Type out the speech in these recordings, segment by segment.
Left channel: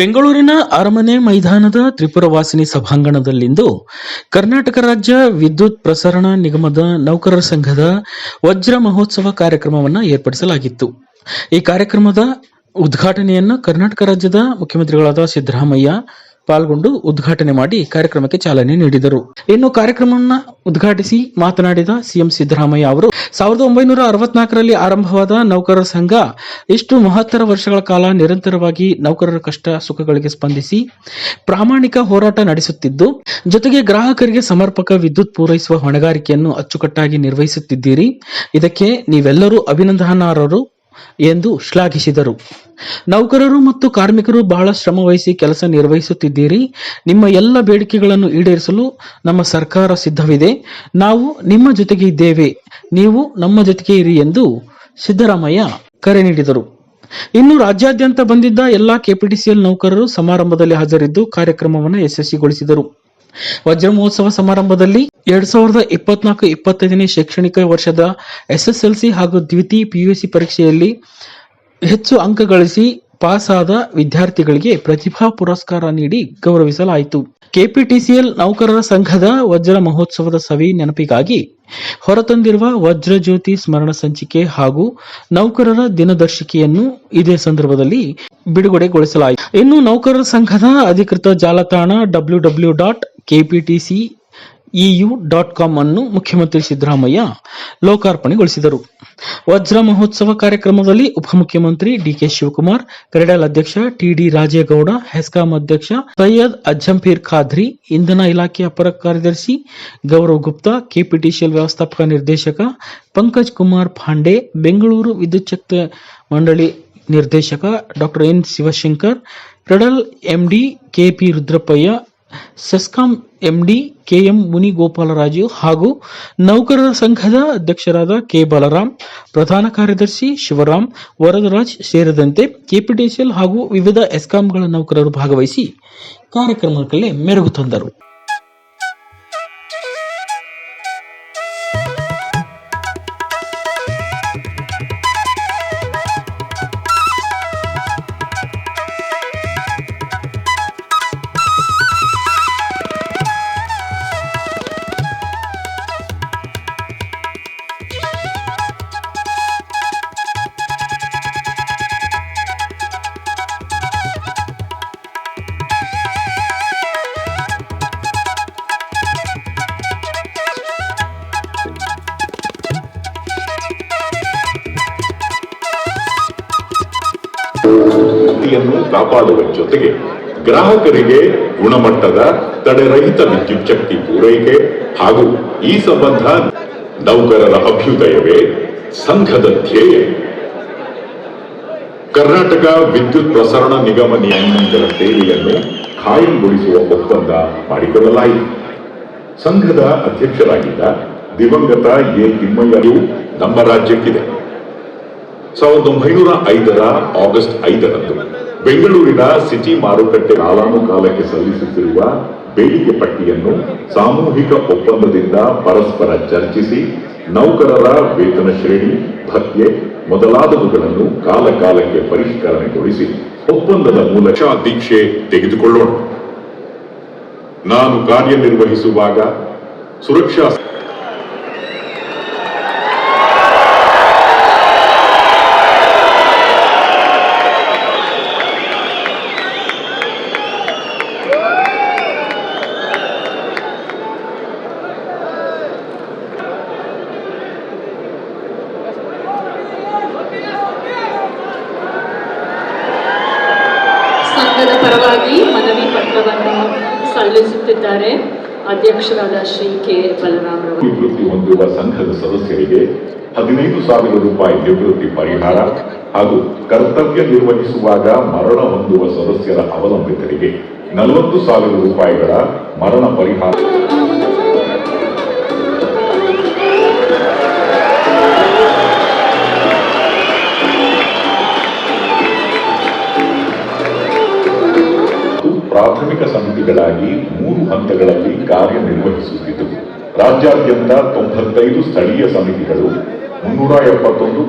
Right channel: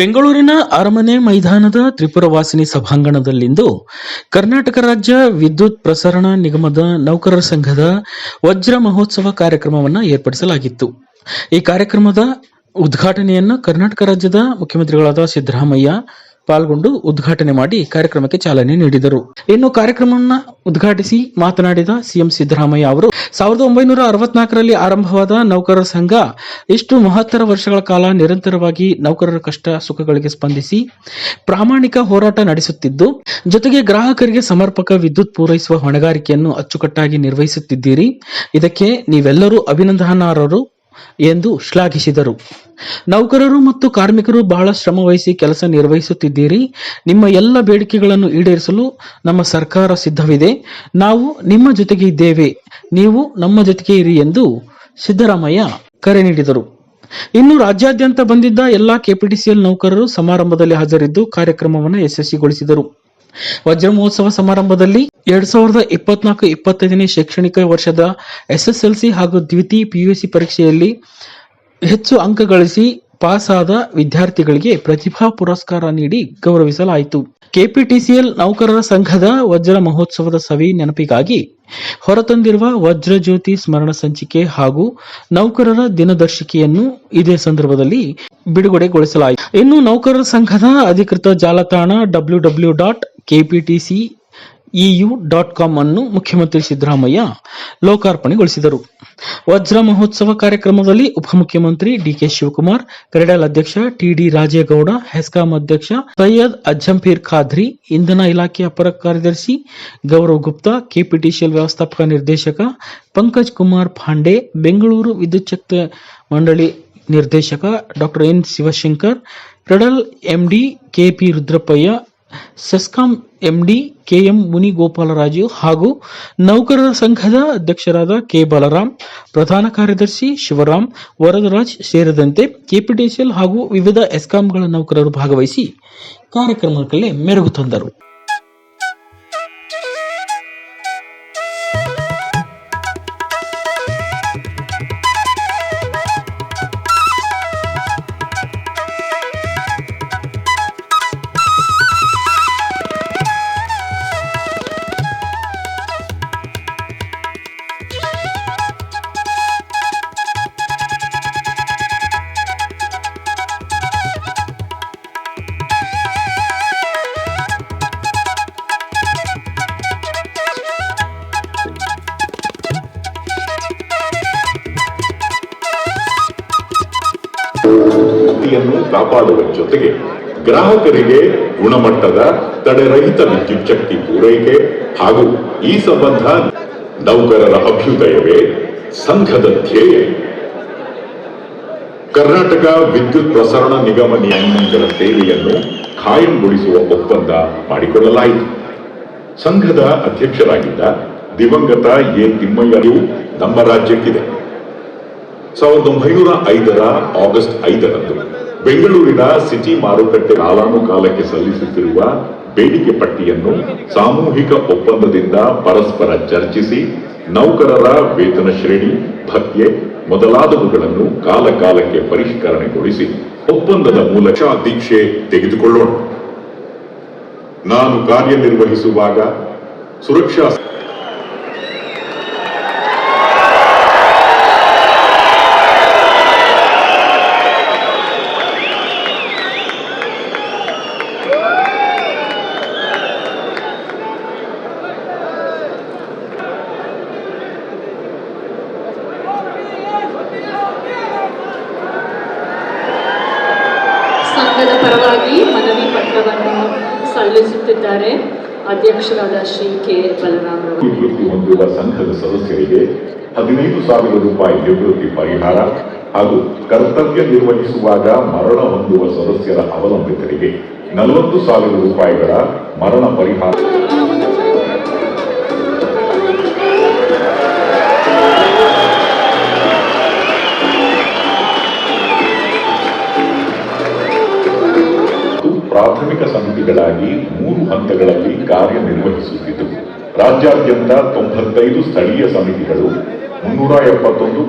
ಬೆಂಗಳೂರಿನ ಅರಮನೆ ಮೈದಾನದ ತ್ರಿಪುರವಾಸಿನಿ ಸಭಾಂಗಣದಲ್ಲಿಂದು ಕರ್ನಾಟಕ ರಾಜ್ಯ ವಿದ್ಯುತ್ ಪ್ರಸರಣ ನಿಗಮದ ನೌಕರರ ಸಂಘದ ವಜ್ರ ಮಹೋತ್ಸವ ಕಾರ್ಯಕ್ರಮವನ್ನು ಏರ್ಪಡಿಸಲಾಗಿತ್ತು. ಈ ಕಾರ್ಯಕ್ರಮದ ಉದ್ಘಾಟನೆಯನ್ನು ಕರ್ನಾಟಕ ರಾಜ್ಯದ ಮುಖ್ಯಮಂತ್ರಿಗಳಾದ ಸಿದ್ದರಾಮಯ್ಯ ಪಾಲ್ಗೊಂಡು ಉದ್ಘಾಟನೆ ಮಾಡಿ ಕಾರ್ಯಕ್ರಮಕ್ಕೆ ಚಾಲನೆ ನೀಡಿದರು. ಇನ್ನು ಕಾರ್ಯಕ್ರಮವನ್ನು ಉದ್ಘಾಟಿಸಿ ಮಾತನಾಡಿದ ಸಿಎಂ ಸಿದ್ದರಾಮಯ್ಯ ಅವರು, ಸಾವಿರದ ಒಂಬೈನೂರ ಅರವತ್ನಾಲ್ಕರಲ್ಲಿ ಆರಂಭವಾದ ನೌಕರರ ಸಂಘ ಇಷ್ಟು ಮಹತ್ತರ ವರ್ಷಗಳ ಕಾಲ ನಿರಂತರವಾಗಿ ನೌಕರರ ಕಷ್ಟ ಸುಖಗಳಿಗೆ ಸ್ಪಂದಿಸಿ ಪ್ರಾಮಾಣಿಕ ಹೋರಾಟ ನಡೆಸುತ್ತಿದ್ದು, ಜೊತೆಗೆ ಗ್ರಾಹಕರಿಗೆ ಸಮರ್ಪಕ ವಿದ್ಯುತ್ ಪೂರೈಸುವ ಹೊಣೆಗಾರಿಕೆಯನ್ನು ಅಚ್ಚುಕಟ್ಟಾಗಿ ನಿರ್ವಹಿಸುತ್ತಿದ್ದೀರಿ. ಇದಕ್ಕೆ ನೀವೆಲ್ಲರೂ ಅಭಿನಂದನಾರ್ಹರು. ಎಂದು ಶ್ಲಾಘಿಸಿದರು. ನೌಕರರು ಮತ್ತು ಕಾರ್ಮಿಕರು ಬಹಳ ಶ್ರಮ ವಹಿಸಿ ಕೆಲಸ ನಿರ್ವಹಿಸುತ್ತಿದ್ದೀರಿ. ನಿಮ್ಮ ಎಲ್ಲ ಬೇಡಿಕೆಗಳನ್ನು ಈಡೇರಿಸಲು ನಮ್ಮ ಸರ್ಕಾರ ಸಿದ್ಧವಿದೆ. ನಾವು ನಿಮ್ಮ ಜೊತೆಗೆ ಇದ್ದೇವೆ. ನೀವು ನಮ್ಮ ಜೊತೆಗೆ ಇರಿ ಎಂದು ಸಿದ್ದರಾಮಯ್ಯ ಕರೆ ನೀಡಿದರು. ಇನ್ನು ರಾಜ್ಯಾದ್ಯಂತ ಬಂದಿದ್ದ ಎಲ್ಲಾ ಕೆಪಿಟಿಸಿಎಲ್ ನೌಕರರು ಸಮಾರಂಭದಲ್ಲಿ ಹಾಜರಿದ್ದು ಕಾರ್ಯಕ್ರಮವನ್ನು ಯಶಸ್ವಿಗೊಳಿಸಿದರು. ವಜ್ರ ಮಹೋತ್ಸವ ಸಮಾರಂಭದಲ್ಲಿ ಎರಡ್ ಸಾವಿರದ ಇಪ್ಪತ್ನಾಲ್ಕು ಇಪ್ಪತ್ತೈದನೇ ಶೈಕ್ಷಣಿಕ ವರ್ಷದ ಎಸ್ಎಸ್ಎಲ್ಸಿ ಹಾಗೂ ದ್ವಿತೀಯ ಪಿಯುಸಿ ಪರೀಕ್ಷೆಯಲ್ಲಿ ಹೆಚ್ಚು ಅಂಕ ಗಳಿಸಿ ಪಾಸ್ ಆದ ವಿದ್ಯಾರ್ಥಿಗಳಿಗೆ ಪ್ರತಿಭಾ ಪುರಸ್ಕಾರ ನೀಡಿ ಗೌರವಿಸಲಾಯಿತು. ಕೆಪಿಟಿಸಿಎಲ್ ನೌಕರರ ಸಂಘದ ವಜ್ರ ಮಹೋತ್ಸವದ ಸವಿ ನೆನಪಿಗಾಗಿ ಹೊರತಂದಿರುವ ವಜ್ರಜ್ಯೋತಿ ಸ್ಮರಣ ಸಂಚಿಕೆ ಹಾಗೂ ನೌಕರರ ದಿನದರ್ಶಿಕೆಯನ್ನು ಇದೇ ಸಂದರ್ಭದಲ್ಲಿ ಬಿಡುಗಡೆಗೊಳಿಸಲಾಯಿತು. ಇನ್ನು ನೌಕರರ ಸಂಘದ ಅಧಿಕೃತ ಜಾಲತಾಣ W W dot KPTC EU dot com ಅನ್ನು ಮುಖ್ಯಮಂತ್ರಿ ಸಿದ್ದರಾಮಯ್ಯ ಲೋಕಾರ್ಪಣೆಗೊಳಿಸಿದರು. ವಜ್ರ ಮಹೋತ್ಸವ ಕಾರ್ಯಕ್ರಮದಲ್ಲಿ ಉಪಮುಖ್ಯಮಂತ್ರಿ ಡಿಕೆ ಶಿವಕುಮಾರ್, ಕ್ರೆಡಲ್ ಅಧ್ಯಕ್ಷ ಟಿಡಿ ರಾಜೇಗೌಡ, ಹೆಸ್ಕಾಂ ಅಧ್ಯಕ್ಷ ಸೈಯದ್ ಅಜ್ಜಂಪೀರ್ ಖಾದ್ರಿ, ಇಂಧನ ಇಲಾಖೆ ಅಪರ ಕಾರ್ಯದರ್ಶಿ ಗೌರವ್ ಗುಪ್ತಾ, ಕೆಪಿಟಿಸಿಎಲ್ ವ್ಯವಸ್ಥಾಪಕ ನಿರ್ದೇಶಕ ಪಂಕಜ್ ಕುಮಾರ್ ಪಾಂಡೆ, ಬೆಂಗಳೂರು ವಿದ್ಯುತ್ ಮಂಡಳಿ ನಿರ್ದೇಶಕ doctor N Shivashankar, KREDL MD K P Rudrappaiah, CESCOM MD K M Munigopalaraju ಹಾಗೂ ನೌಕರರ ಸಂಘದ ಅಧ್ಯಕ್ಷರಾದ ಕೆ ಬಲರಾಮ್ ಪ್ರಧಾನ ಕಾರ್ಯದರ್ಶಿ ಶಿವರಾಮ್ ವರದರಾಜ್ ಸೇರಿದಂತೆ ಕೆಪಿಟಿಸಿಎಲ್ ಹಾಗೂ ವಿವಿಧ ಎಸ್ಕಾಂಗಳ ನೌಕರರು ಭಾಗವಹಿಸಿ ಕಾರ್ಯಕ್ರಮಕ್ಕೆ ಮೆರುಗು ತಂದರು. ಯನ್ನು ಕಾಪಾಡುವ ಜೊತೆಗೆ ಗ್ರಾಹಕರಿಗೆ ಗುಣಮಟ್ಟದ ತಡೆರಹಿತ ವಿದ್ಯುತ್ ಶಕ್ತಿ ಪೂರೈಕೆ ಹಾಗೂ ಈ ಸಂಬಂಧ ನೌಕರರ ಅಭ್ಯುದಯವೇ ಸಂಘದ ಧ್ಯೇಯ. ಕರ್ನಾಟಕ ವಿದ್ಯುತ್ ಪ್ರಸರಣ ನಿಗಮ ನಿಯಮಗಳ ಸೇವೆಯನ್ನು ಖಾಯಂಗೊಳಿಸುವ ಒಪ್ಪಂದ ಮಾಡಿಕೊಳ್ಳಲಾಯಿತು. ಸಂಘದ ಅಧ್ಯಕ್ಷರಾಗಿದ್ದ ದಿವಂಗತ ಎ ತಿಮ್ಮಯ್ಯರು ನಮ್ಮ ರಾಜ್ಯಕ್ಕಿದೆ. ಸಾವಿರದ ಒಂಬೈನೂರ ಐದರ ಆಗಸ್ಟ್ ಐದರಂದು ಬೆಂಗಳೂರಿನ ಸಿಟಿ ಮಾರುಕಟ್ಟೆ ಕಾಲಾನುಕಾಲಕ್ಕೆ ಸಲ್ಲಿಸುತ್ತಿರುವ ಬೇಡಿಕೆ ಪಟ್ಟಿಯನ್ನು ಸಾಮೂಹಿಕ ಒಪ್ಪಂದದಿಂದ ಪರಸ್ಪರ ಚರ್ಚಿಸಿ ನೌಕರರ ವೇತನ ಶ್ರೇಣಿ, ಭತ್ಯೆ ಮೊದಲಾದವುಗಳನ್ನು ಕಾಲಕಾಲಕ್ಕೆ ಪರಿಷ್ಕರಣೆಗೊಳಿಸಿ ಒಪ್ಪಂದದ ಮೂಲಕ ದೀಕ್ಷೆ ತೆಗೆದುಕೊಳ್ಳೋಣ. ನಾನು ಕಾರ್ಯನಿರ್ವಹಿಸುವಾಗ ಸುರಕ್ಷಾ ಸಂಘದ ಪರವಾಗಿ ಮನವಿ ಪತ್ರವನ್ನು ಸಲ್ಲಿಸುತ್ತಿದ್ದಾರೆ. ಅಧ್ಯಕ್ಷರಾದ ಶ್ರೀ ಕೆ ಬಲರಾಮರವರು. ಹೊಂದಿರುವ ಸಂಘದ ಸದಸ್ಯರಿಗೆ ಹದಿನೈದು ಸಾವಿರ ರೂಪಾಯಿ ನಿವೃತ್ತಿ ಪರಿಹಾರ ಹಾಗೂ ಕರ್ತವ್ಯ ನಿರ್ವಹಿಸುವಾಗ ಮರಣ ಹೊಂದುವ ಸದಸ್ಯರ ಅವಲಂಬಿತರಿಗೆ ನಲವತ್ತು ಸಾವಿರ ರೂಪಾಯಿಗಳ ಮರಣ ಪರಿಹಾರ. ಪ್ರಾಥಮಿಕ ಸಮಿತಿಗಳಾಗಿ ಮೂರು ಹಂತಗಳಲ್ಲಿ ಕಾರ್ಯನಿರ್ವಹಿಸುತ್ತಿದ್ದವು ರಾಜ್ಯಾದ್ಯಂತ ತೊಂಬತ್ತೈದು ಸ್ಥಳೀಯ ಸಮಿತಿಗಳು ಮುನ್ನೂರ ಎಪ್ಪತ್ತೊಂದು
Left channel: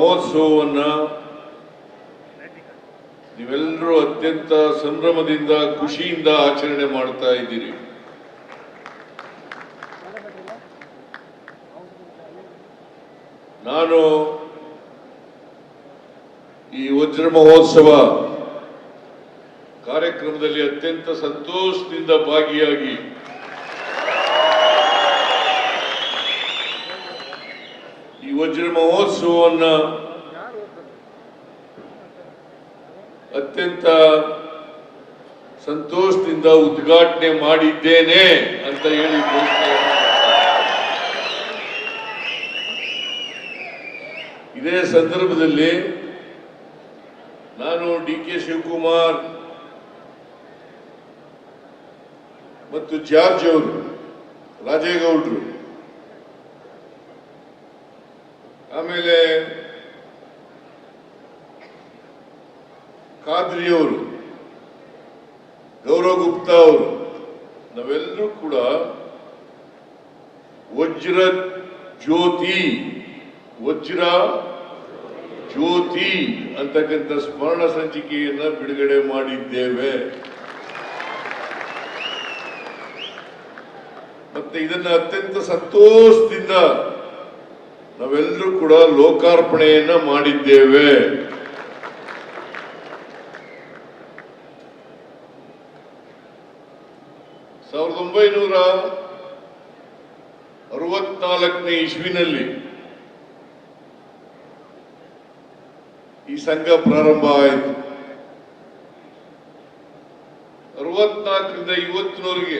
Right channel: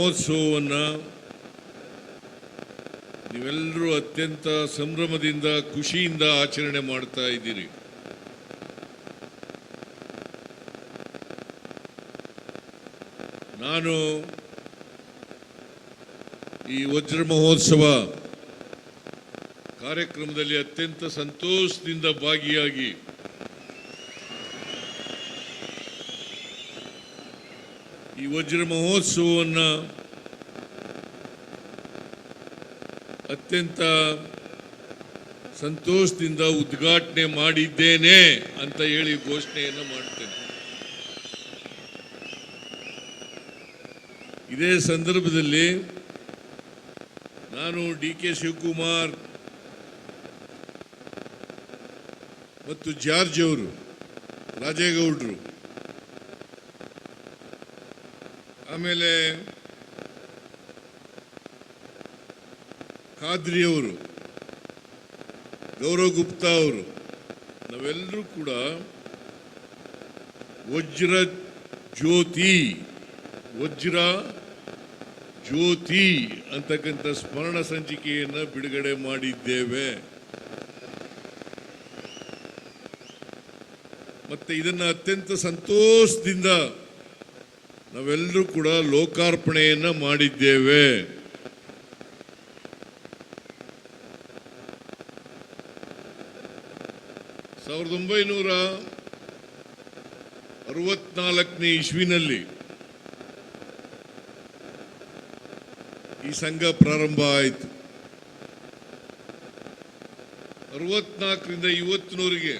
ಮಹೋತ್ಸವವನ್ನ ನೀವೆಲ್ಲರೂ ಅತ್ಯಂತ ಸಂಭ್ರಮದಿಂದ, ಖುಷಿಯಿಂದ ಆಚರಣೆ ಮಾಡ್ತಾ ಇದ್ದೀರಿ. ನಾನು ಈ ವಜ್ರ ಮಹೋತ್ಸವ ಕಾರ್ಯಕ್ರಮದಲ್ಲಿ ಅತ್ಯಂತ ಸಂತೋಷದಿಂದ ಭಾಗಿಯಾಗಿ ವಜ್ರ ಮಹೋತ್ಸವವನ್ನ ಅತ್ಯಂತ ಸಂತೋಷದಿಂದ ಉದ್ಘಾಟನೆ ಮಾಡಿದ್ದೇನೆ ಅಂತ ಹೇಳಿ. ಇದೇ ಸಂದರ್ಭದಲ್ಲಿ ನಾನು ಡಿ ಕೆ ಶಿವಕುಮಾರ್ ಮತ್ತು ಜಾರ್ಜ್ ಅವರು, ರಾಜೇಗೌಡರು ಆಮೇಲೆ ಖಾದ್ರಿಯವರು, ಗೌರವ ಗುಪ್ತ ಅವರು ನಾವೆಲ್ಲರೂ ಕೂಡ ವಜ್ರ ಜ್ಯೋತಿ ವಜ್ರ ಜ್ಯೋತಿ ಅಂತಕ್ಕಂಥ ಸ್ಮರಣ ಸಂಚಿಕೆಯನ್ನ ಬಿಡುಗಡೆ ಮಾಡಿದ್ದೇವೆ. ಮತ್ತೆ ಇದನ್ನು ಅತ್ಯಂತ ಸಂತೋಷದಿಂದ ನಾವೆಲ್ಲರೂ ಕೂಡ ಲೋಕಾರ್ಪಣೆಯನ್ನ ಮಾಡಿದ್ದೇವೆ. ಸಾವಿರದ ಒಂಬೈನೂರ ಅರವತ್ನಾಲ್ಕನೇ ಇಸ್ವಿನಲ್ಲಿ ಈ ಸಂಘ ಪ್ರಾರಂಭ ಆಯಿತು. ಅರವತ್ನಾಲ್ಕರಿಂದ ಇವತ್ತಿನವರೆಗೆ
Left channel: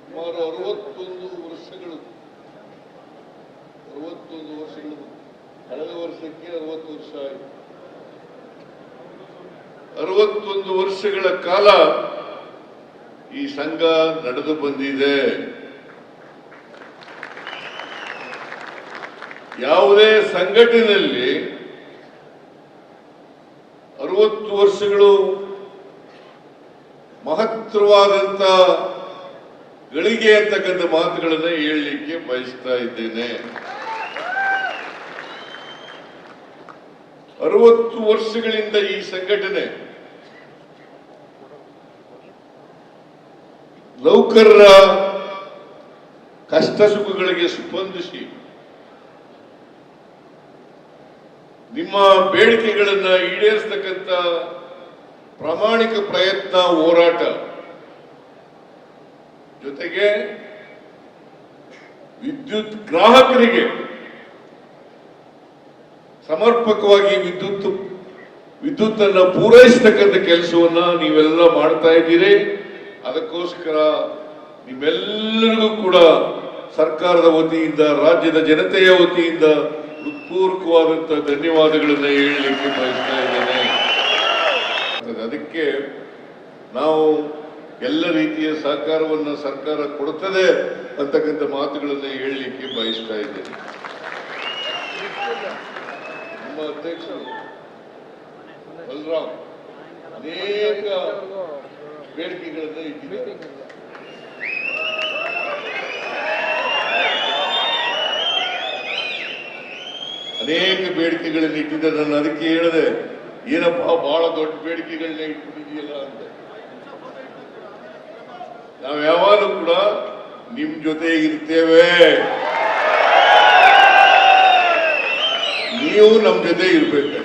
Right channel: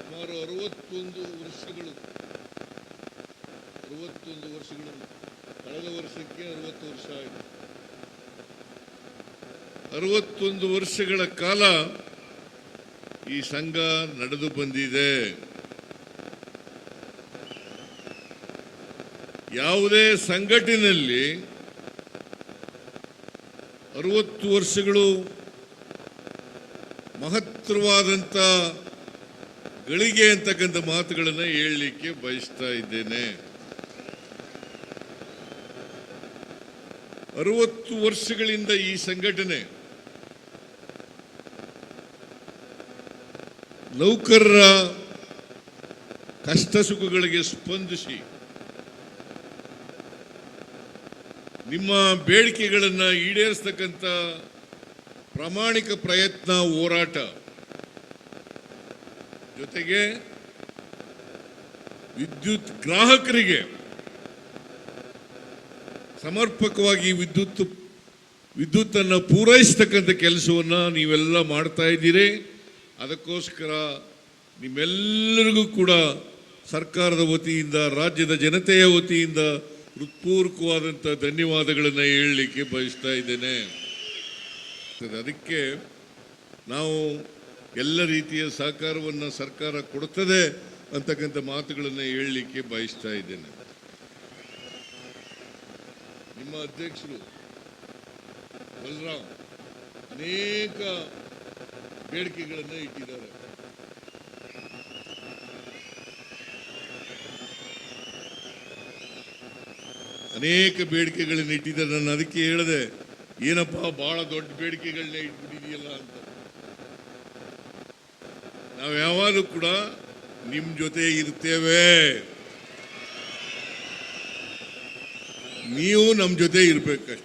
ಸುಮಾರು ಅರವತ್ತೊಂದು ವರ್ಷಗಳು ವರ್ಷಕ್ಕೆ ವರ್ಷ ಅರವತ್ತೊಂದು ವರ್ಷಗಳ ಕಾಲ ಈ ಸಂಘ ನಡೆದು ಬಂದಿದೆ. ಯಾವುದೇ ಸಂಘಟನೆಯಲ್ಲಿ ಅರವತ್ತು ವರ್ಷಗಳು ಮಹತ್ತರವಾದಂತ ಗಳಿಗೆ ಅಂತಕ್ಕಂಥ ಮಾತುಗಳನ್ನು ಹೇಳಲಿಕ್ಕೆ ಬಯಸ್ತಾ ಇದ್ದೇನೆ. ಅರವತ್ತು ವರ್ಷಗಳಿಂದ ಈ ಸಂಘಟನೆ ನೌಕರರ ಕಷ್ಟ ಸುಖಗಳಿಗೆ ಸ್ಪಂದಿಸಿ ನಿಮ್ಮ ಬೇಡಿಕೆಗಳನ್ನ ಈಡೇರಿಸತಕ್ಕಂತ ಪ್ರಾಮಾಣಿಕ ಪ್ರಯತ್ನ, ಹೋರಾಟ ಜೊತೆಗೆ ವಿದ್ಯುತ್ ಗ್ರಾಹಕರಿಗೆ ಸಮರ್ಪಕವಾಗಿ ವಿದ್ಯುತ್ ವಿದ್ಯುತ್ ಅನ್ನು ಪೂರೈಸತಕ್ಕಂಥ ಕೆಲಸವನ್ನ ನೀವೆಲ್ಲ ಮಾಡ್ತಾ ಇದ್ದೀರಿ. ಅದಕ್ಕೋಸ್ಕರ ನೀವೆಲ್ಲರಿಗೂ ಕೂಡ ಸರ್ಕಾರದ ವತಿಯಿಂದ, ರಾಜ್ಯದ ಜನತೆಯ ವತಿಯಿಂದ ಹೃತ್ಪೂರ್ವಕವಾದಂತಹ ಧನ್ಯವಾದಗಳನ್ನು ಹೇಳಲಿಕ್ಕೆ ಬಯಸ್ತಾ ಇದ್ದೇನೆ. ಅದಕ್ಕೆ ನಾವು ಎಲ್ಲ ರೀತಿಯ ಸಹಕಾರವನ್ನು ಸರ್ಕಾರ ಕೊಡುತ್ತದೆ ಅಂತಕ್ಕಂಥ ಮಾತುಗಳನ್ನು ಹೇಳಲಿಕ್ಕೆ ಬಯಸ್ತಾ ಇದ್ದೇನೆ. ನಮ್ಮ ಅಧ್ಯಕ್ಷರು ಅನೇಕ ಬೇಡಿಕೆಗಳನ್ನು ಇಟ್ಟಿದ್ದಾರೆ ಅನೇಕ ಬೇಡಿಕೆಗಳನ್ನು ಇಟ್ಟಿದ್ದಾರೆ. ನಾನು ಅದಕ್ಕೆ ಹೇಳಿದೆ ಏನಪ್ಪ ಬಹಳ ದೊಡ್ಡ ಬೇಡಿಕೆಗಳನ್ನ ಇಟ್ಟಿದೆಯಲ್ಲ ನಾವು ಯಾವಾಗಲೂ ಕೂಡ ನಿಮ್ ಜೊತೆ ಇರ್ತೇವೆ ನೀವು ನಮ್ಮ ಜೊತೆ ಇರ್ಬೇಕಷ್ಟೇ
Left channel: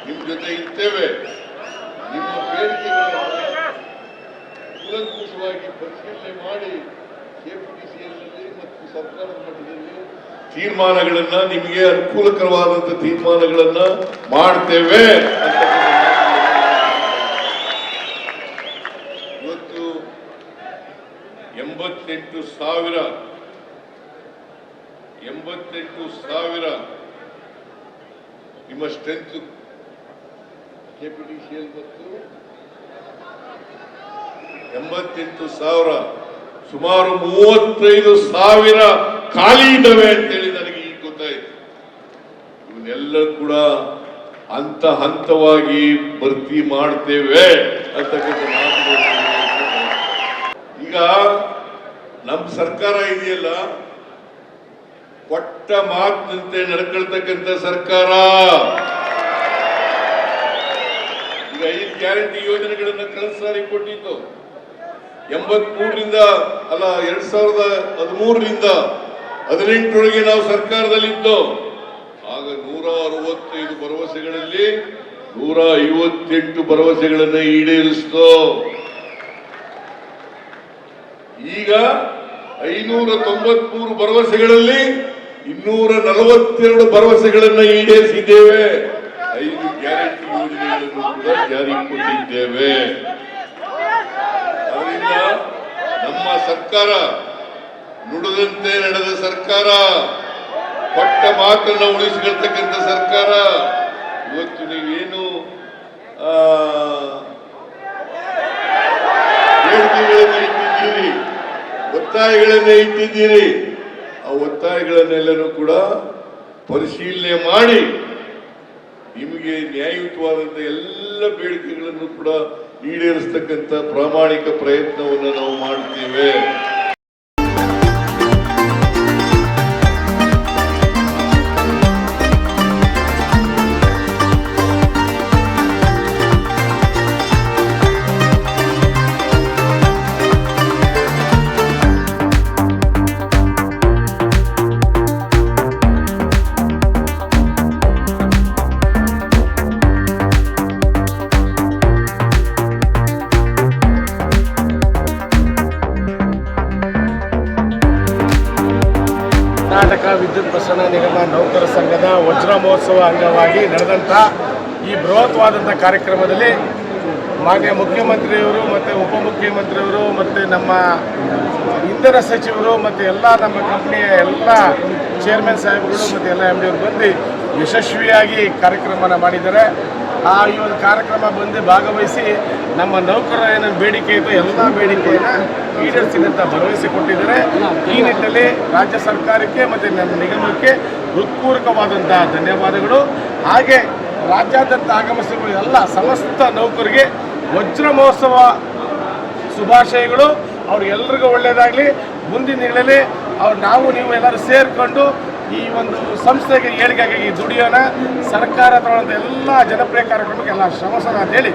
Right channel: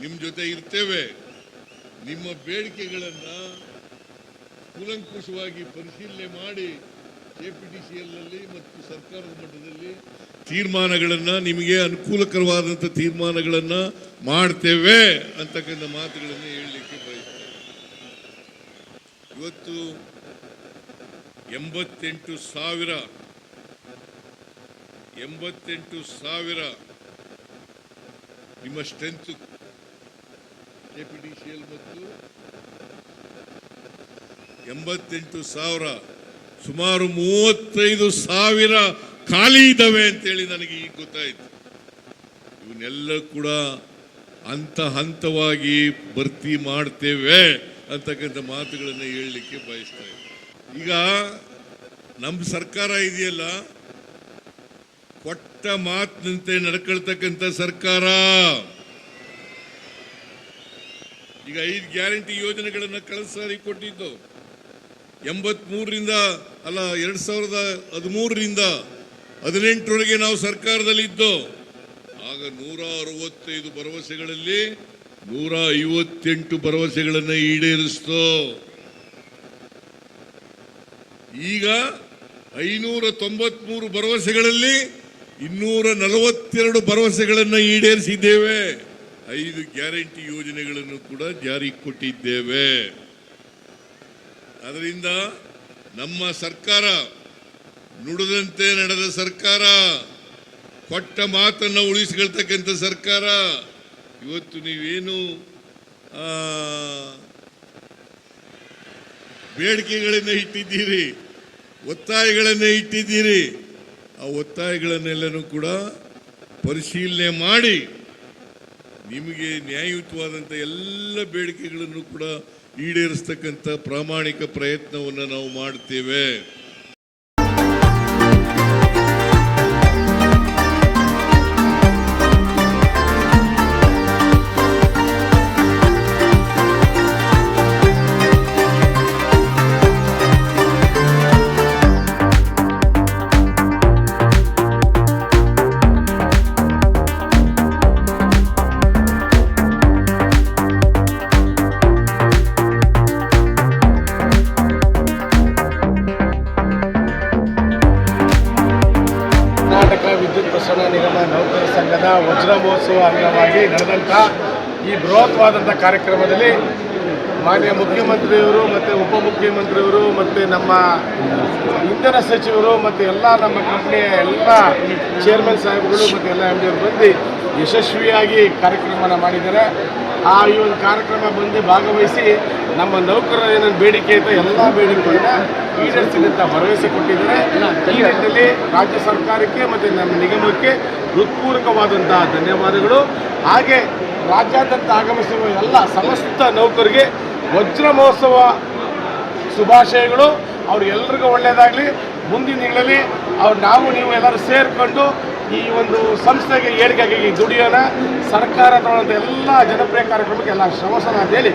ನಿಮ್ ಜೊತೆ ಇರ್ತೇವೆ ನಿಮ್ಮ ಬೇಡಿಕೆಗಳನ್ನು ಕೂಲಂಕುಷವಾಗಿ ಪರಿಶೀಲನೆ ಮಾಡಿ ಕೆಪಿಟಿಸಿಯಲ್ಲಿ ಮತ್ತು ಸರ್ಕಾರ ಮಟ್ಟದಲ್ಲಿ ತೀರ್ಮಾನಗಳನ್ನ ನಿಮಗೆ ಅನುಕೂಲಕರವಾದಂತ ತೀರ್ಮಾನಗಳನ್ನು ಮಾಡ್ತೇವೆ. ಇವತ್ತು ಎಂಬತ್ತೆಂಟು ಸಾವಿರ ಎಂಬತ್ತೆಂಟು ಸಾವಿರ ನಿಮ್ಮ ಸ್ಟ್ರೆಂತ್ ಎಂಬತ್ತೆಂಟು ಸಾವಿರ, ಸುಮಾರು ಮೂವತ್ತೈದು ಸಾವಿರ ಕಾಯಿದವೆ ಅಂತ ಇವನ್ನೆಲ್ಲ ಕೂಡ ಹಂತ ಹಂತ ಹಂತವಾಗಿ ಭರ್ತಿ ಮಾಡ್ತೇವೆ ಈಗ ನಮ್ಮ ಸರ್ಕಾರ ಇದೆಯಲ್ಲ? ಕೊಟ್ಟ ಮಾತಿನಂತೆ ನಡ್ಕೊಳ್ತಕ್ಕಂಥ ಸರ್ಕಾರ. ಈಗ ಐದು ಗ್ಯಾರಂಟಿ ಯೋಜನೆಗಳನ್ನ ಕನಸಾಗಿ ಕೊಟ್ಟಿದ್ದು. ಎಂಬತ್ ಮೂರರಿಂದ ಅಲ್ಲ, ಎರಡ್ ಸಾವಿರದ ಹದಿಮೂರರಿಂದ ಹದಿನೆಂಟರೊಳಗೆ ನಾವು ಸರ್ಕಾರದಲ್ಲಿದ್ದು ಆಗ ನೂರ ಅರವತ್ತೈದು ಭರವಸೆಗಳಲ್ಲಿ ನೂರ ಐವತ್ತೆಂಟು ಭರವಸೆಗಳನ್ನು ಈಡೇರಿಸಿತು ಈಗ ಐನೂರ ತೊಂಬತ್ಮೂರು ಭರವಸೆಗಳಲ್ಲಿ ಇನ್ನೂರ ನಲವತ್ತೆರಡು ಭರವಸೆಗಳನ್ನು ಈಡೇರಿಸಿದ್ದೇವೆ. ಐದು ಗ್ಯಾರಂಟಿ ಯೋಜನೆಗಳನ್ನು ಕೂಡ ಜಾರಿ ಕೊಟ್ಟಿದ್ದೇವೆ. ಅದರಿಂದ ನಮ್ಮ ಸರ್ಕಾರ, ನುಡಿದಂತೆ ನಡೆದ ಸರ್ಕಾರ ಕೊಟ್ಟ ಮಾತನ್ನು ಉಳಿಸಿಕೊಳ್ತಕ್ಕಂಥ ಸರ್ಕಾರ ಇವತ್ತು ನೀವೇನು ಆ, ಬೇಡಿಕೆಗಳನ್ನು ಇಟ್ಟಿದ್ದೀರಿ ಇಟ್ಟಿದ್ದೀರಿ ಆ ಒತ್ತಾಯಗಳನ್ನೆಲ್ಲರೂ ಕೂಡ ಪರಿಶೀಲನೆ ಮಾಡಿ. ನಿಮಗೆ ನ್ಯಾಯಯುತವಾದ ಎಲ್ಲ ಬೇಡಿಕೆಗಳನ್ನು ಕೂಡ ಈಡೇರಿಸ್ತಕ್ಕಂಥ ಪ್ರಾಮಾಣಿಕ ಪ್ರಯತ್ನವನ್ನು ನಾವು ಮಾಡ್ತೇವೆ. ಕರ್ನಾಟಕ ವಿದ್ಯುತ್ ಪ್ರಸರಣ ನಿಗಮ ನೌಕರ ಸಂಘದ ವಜ್ರ ಮಹೋತ್ಸವ ಅಂಗವಾಗಿ ನಡೆದಂಥ ಈ ಬೃಹತ್ವಾದಂಥ ಕಾರ್ಯಕ್ರಮದಲ್ಲಿ ಮಾನ್ಯ ಮುಖ್ಯಮಂತ್ರಿಯವರು ಮತ್ತು ಉಪಮುಖ್ಯಮಂತ್ರಿಯವರು ಮತ್ತು ನಮ್ಮ ಇಂಧನ ಸಚಿವರು ಮತ್ತು ಎಲ್ಲ ನಮ್ಮ ಕಂಪ್ನಿಯ ಎಲ್ಲ ಚೇರ್ಮನ್ ಸಾಹೇಬ್ಗಳು ಮತ್ತು ಎಲ್ಲ ಎಂ ಡಿ ಅವರು ಬಂದು ಯಶಸ್ವಿಯಾಗಿ ಕಾರ್ಯಕ್ರಮನ ಮಾಡಿದ್ದಾರೆ. ಆ ಈ ಒಂದು ಕಾರ್ಯಕ್ರಮ ಬಂದು ಭಾಗವಹಿಸಿ ನಮ್ಮ ನೌಕರರ ಏನೇನು ಬೇಡಿಕೆ ಇದೆ, ಎಲ್ಲ ಬೇಡಿಕೆಯನ್ನು ಈಡೇರಿಸಿದಂಥ ಭರವಸೆ ಕೊಟ್ಟಿದ್ದಾರೆ. ಈ ನಿಟ್ಟಿನಲ್ಲಿ ರಾಜ್ಯ ಸರ್ಕಾರಕ್ಕೆ ಮತ್ತು ನಮ್ಮ ನಿಗಮಕ್ಕೆ ಹೃತ್ಪೂರ್ವಕವಾದಂತಹ ಧನ್ಯವಾದಗಳು. ಹಾಗೆ ರಾಜ್ಯಾದ್ಯಂತ ಆಗಮಿಸಿರುವ ಎಲ್ಲ ಸಮಸ್ತ ನೌಕರಿಗೆ ವಜ್ರ ಮಹೋತ್ಸವ ಶುಭಾಶಯಗಳು. ಅವ್ರಿಗೆಲ್ರಿಗೂ ಒಳ್ಳೆಯದಾಗಲಿ. ಮುಂದಿನ ದಿನಗಳಲ್ಲಿ ಅವ್ರು ನಾವು ನೀವು ಎಲ್ಲರೂ ಸೇರಿಕೊಂಡು ಈ ಒಂದು ಸಂಸ್ಥೆಗೆ ಏಳಿಗೆಗಾಗಿ ದುಡಿಯೋಣ ಸರ್ಕಾರ ತಗೊಳ್ಳೋಂಥ ಎಲ್ಲ ಜನಪ್ರಿಯ ಕಾರ್ಯಕ್ರಮಕ್ಕೆ ಎಲ್ಲ ಶ್ರಮಸನ ಅಂತ ಹೇಳಿ